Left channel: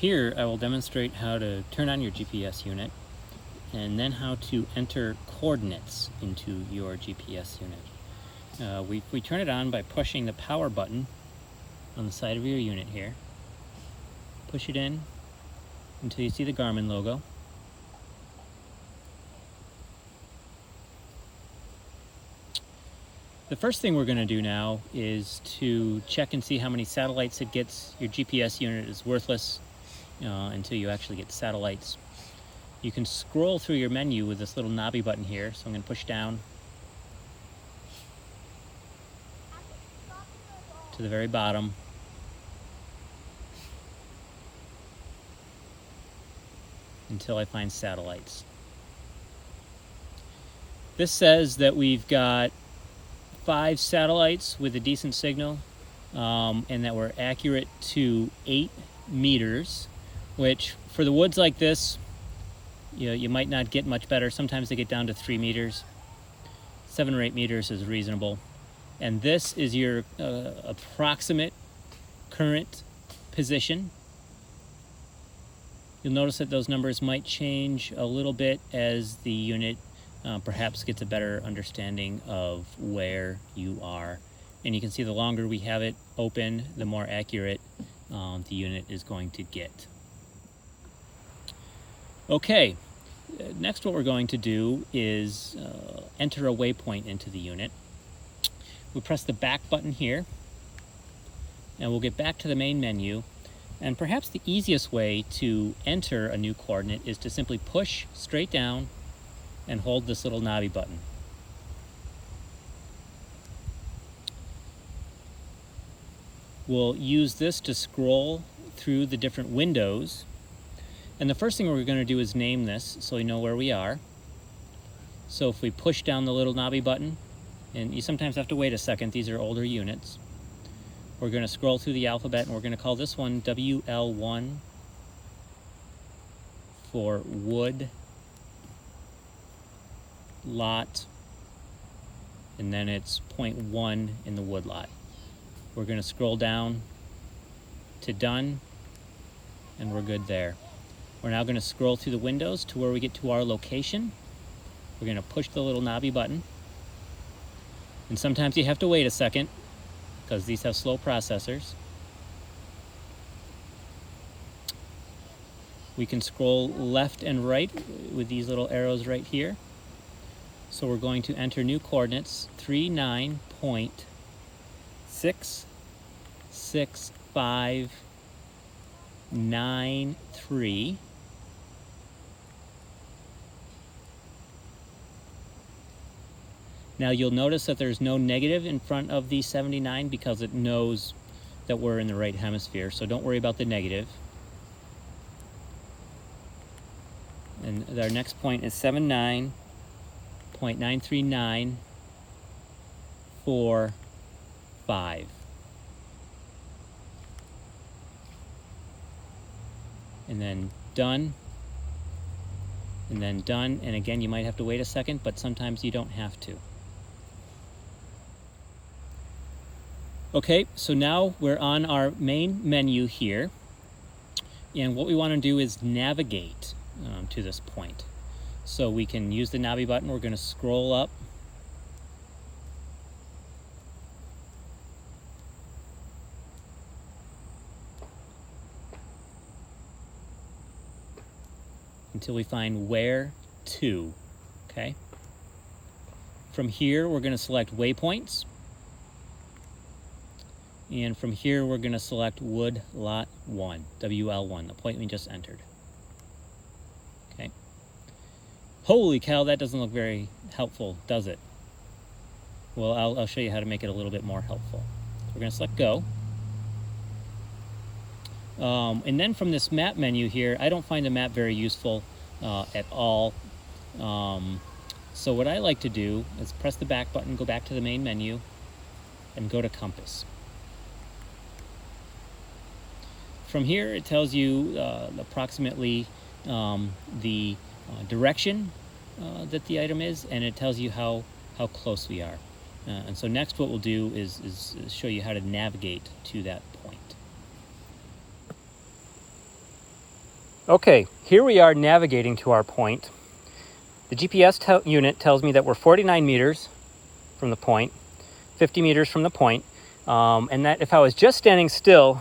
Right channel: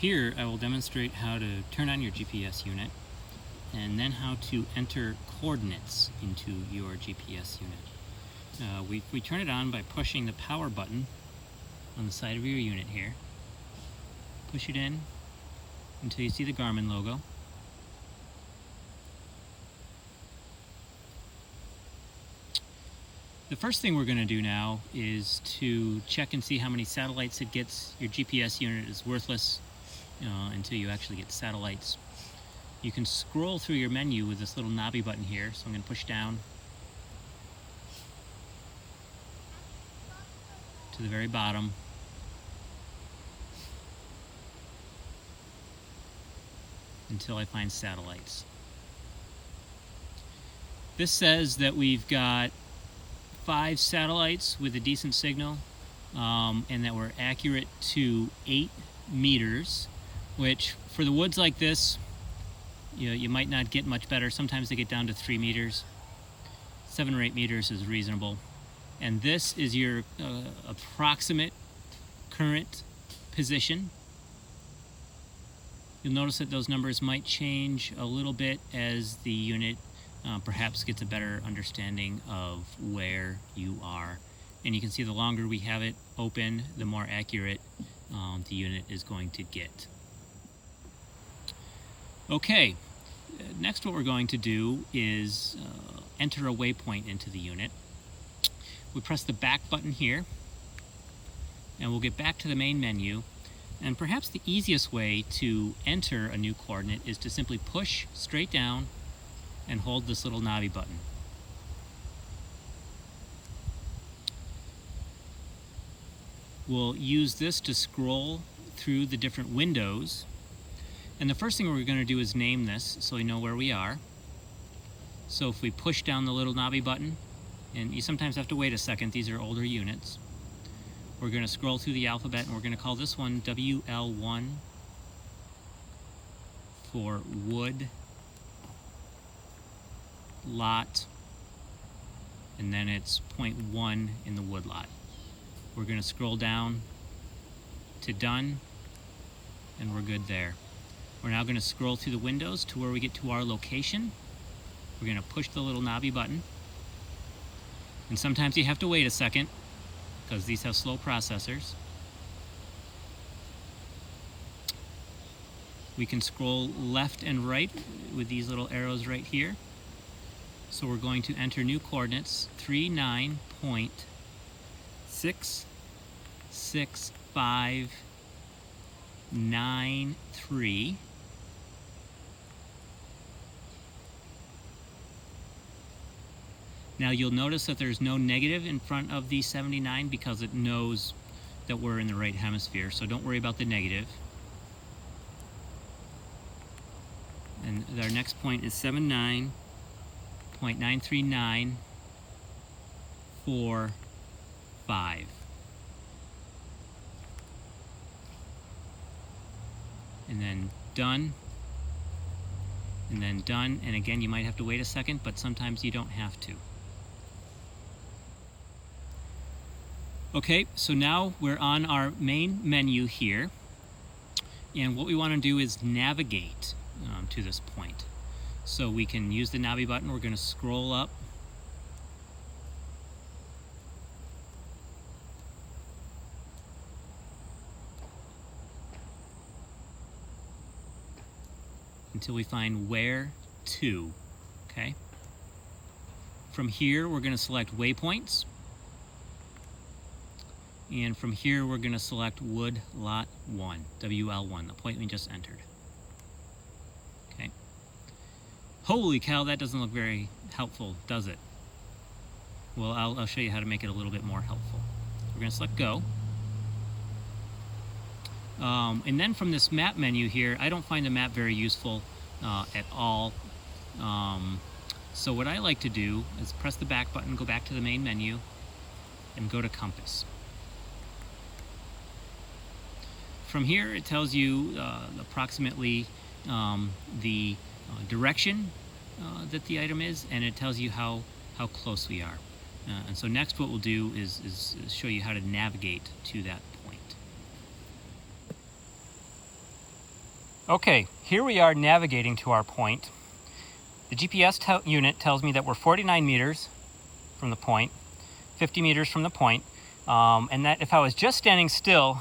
Here I will demonstrate how to turn on your GPS unit and then how to enter coordinates into your GPS unit. We turn it on by pushing the power button on the side of your unit here. Push it in until you see the Garmin logo. The first thing we're going to do now is to check and see how many satellites it gets. Your GPS unit is worthless until you actually get satellites. You can scroll through your menu with this little knobby button here, so I'm going to push down to the very bottom. Until I find satellites. This says that we've got 5 satellites with a decent signal and that we're accurate to 8 meters, which for the woods like this, you might not get much better. Sometimes they get down to 3 meters. 7 or 8 meters is reasonable. And this is your approximate current position. You'll notice that those numbers might change a little bit as the unit perhaps gets a better understanding of where you are. And you can see the longer we have it open, the more accurate the unit is going to get. Okay, next what we're going to do is enter a waypoint into the unit. We press the back button here, and we'll get back to the main menu. And perhaps the easiest way to enter a new coordinate is to simply push straight down and hold this little knobby button. We'll use this to scroll through the different windows. And the first thing we're going to do is name this so we know where we are. So if we push down the little knobby button, and you sometimes have to wait a second, these are older units. We're going to scroll through the alphabet, and we're going to call this one WL1 for wood lot, and then it's 0.1 in the wood lot. We're going to scroll down to done, and we're good there. We're now going to scroll through the windows to where we get to our location. We're going to push the little knobby button, and sometimes you have to wait a second because these have slow processors. We can scroll left and right with these little arrows right here. So we're going to enter new coordinates 39.66593. Now you'll notice that there's no negative in front of the 79 because it knows that we're in the right hemisphere, so don't worry about the negative. And our next point is 79.93945. And then done, and then done, and again you might have to wait a second, but sometimes you don't have to. Okay, so now we're on our main menu here, and what we want to do is navigate to this point. So we can use the knobby button. We're going to scroll up until we find where to. Okay. From here, we're going to select waypoints. And from here, we're going to select Wood Lot 1, WL1, the point we just entered. Okay. Holy cow, that doesn't look very helpful, does it? Well, I'll show you how to make it a little bit more helpful. We're going to select Go. And then from this map menu here, I don't find the map very useful at all. So what I like to do is press the back button, go back to the main menu, and go to Compass. From here, it tells you approximately the direction that the item is, and it tells you how close we are. And so next what we'll do is show you how to navigate to that point. Okay, here we are navigating to our point. The GPS unit tells me that we're 49 meters from the point, 50 meters from the point, and that if I was just standing still,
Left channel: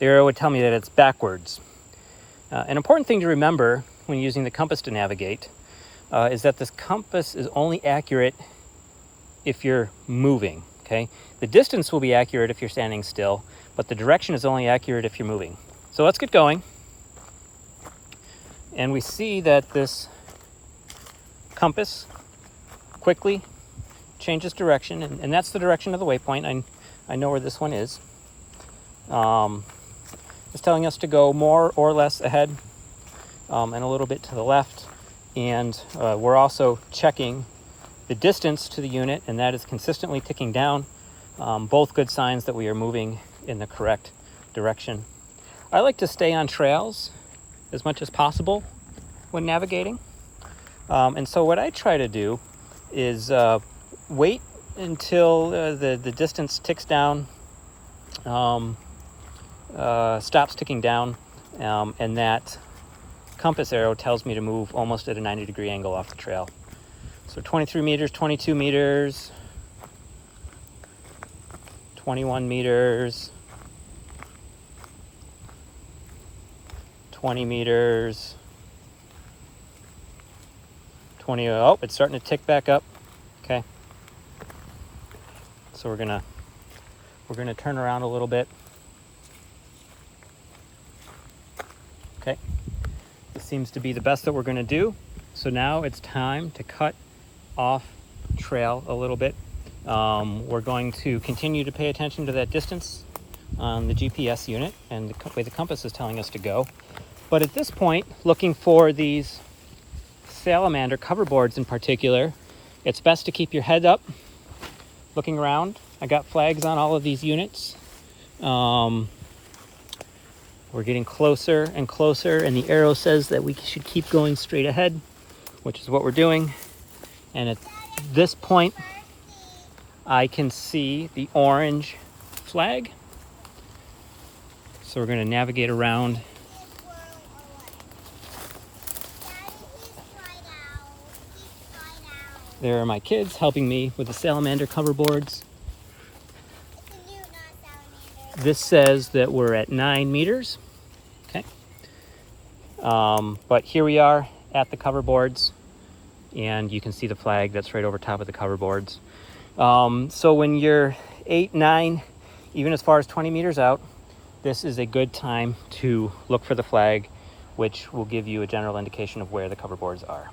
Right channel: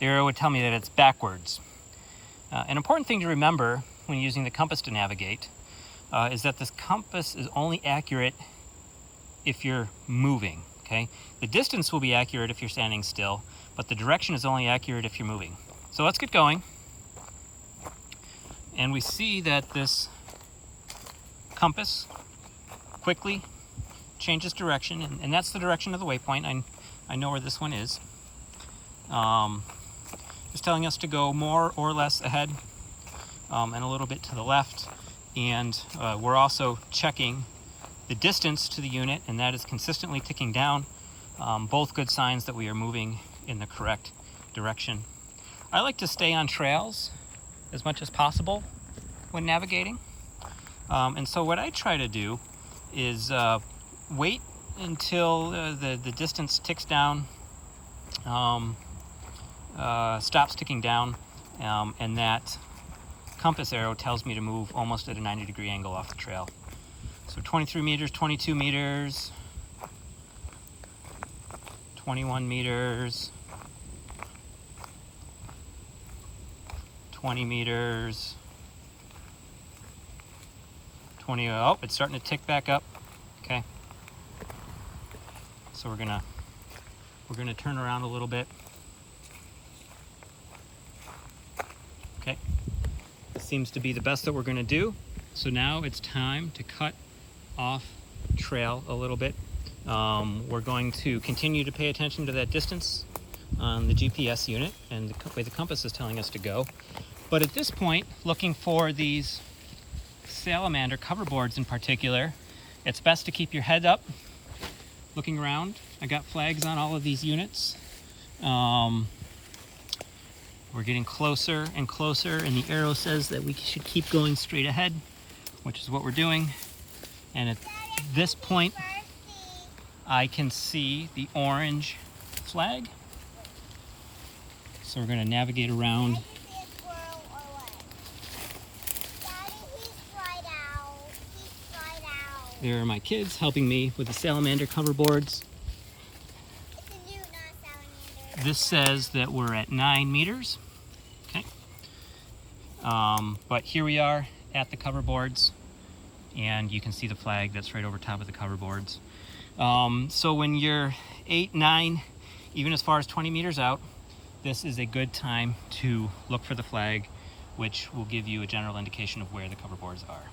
the arrow would tell me that it's backwards. An important thing to remember when using the compass to navigate is that this compass is only accurate if you're moving, okay? The distance will be accurate if you're standing still, but the direction is only accurate if you're moving. So let's get going. And we see that this compass quickly changes direction, and that's the direction of the waypoint. I know where this one is. It's telling us to go more or less ahead and a little bit to the left. And we're also checking the distance to the unit, and that is consistently ticking down. Both good signs that we are moving in the correct direction. I like to stay on trails as much as possible when navigating. And so what I try to do is wait until the distance ticks down, stops ticking down, and that compass arrow tells me to move almost at a 90-degree angle off the trail. So 23 meters, 22 meters, 21 meters, 20 meters, 20, oh, it's starting to tick back up. Okay. So we're gonna turn around a little bit. Okay. This seems to be the best that we're gonna do. So now it's time to cut off trail a little bit. We're going to continue to pay attention to that distance on the GPS unit and the way the compass is telling us to go. But at this point, looking for these salamander cover boards in particular, it's best to keep your head up, looking around. I got flags on all of these units. We're getting closer and closer, and the arrow says that we should keep going straight ahead, which is what we're doing. And at this point, I can see the orange flag. So we're going to navigate around. There are my kids helping me with the salamander cover boards. This says that we're at 9 meters. Okay. But here we are at the cover boards, and you can see the flag that's right over top of the cover boards. So when you're 8, 9, even as far as 20 meters out, this is a good time to look for the flag, which will give you a general indication of where the cover boards are.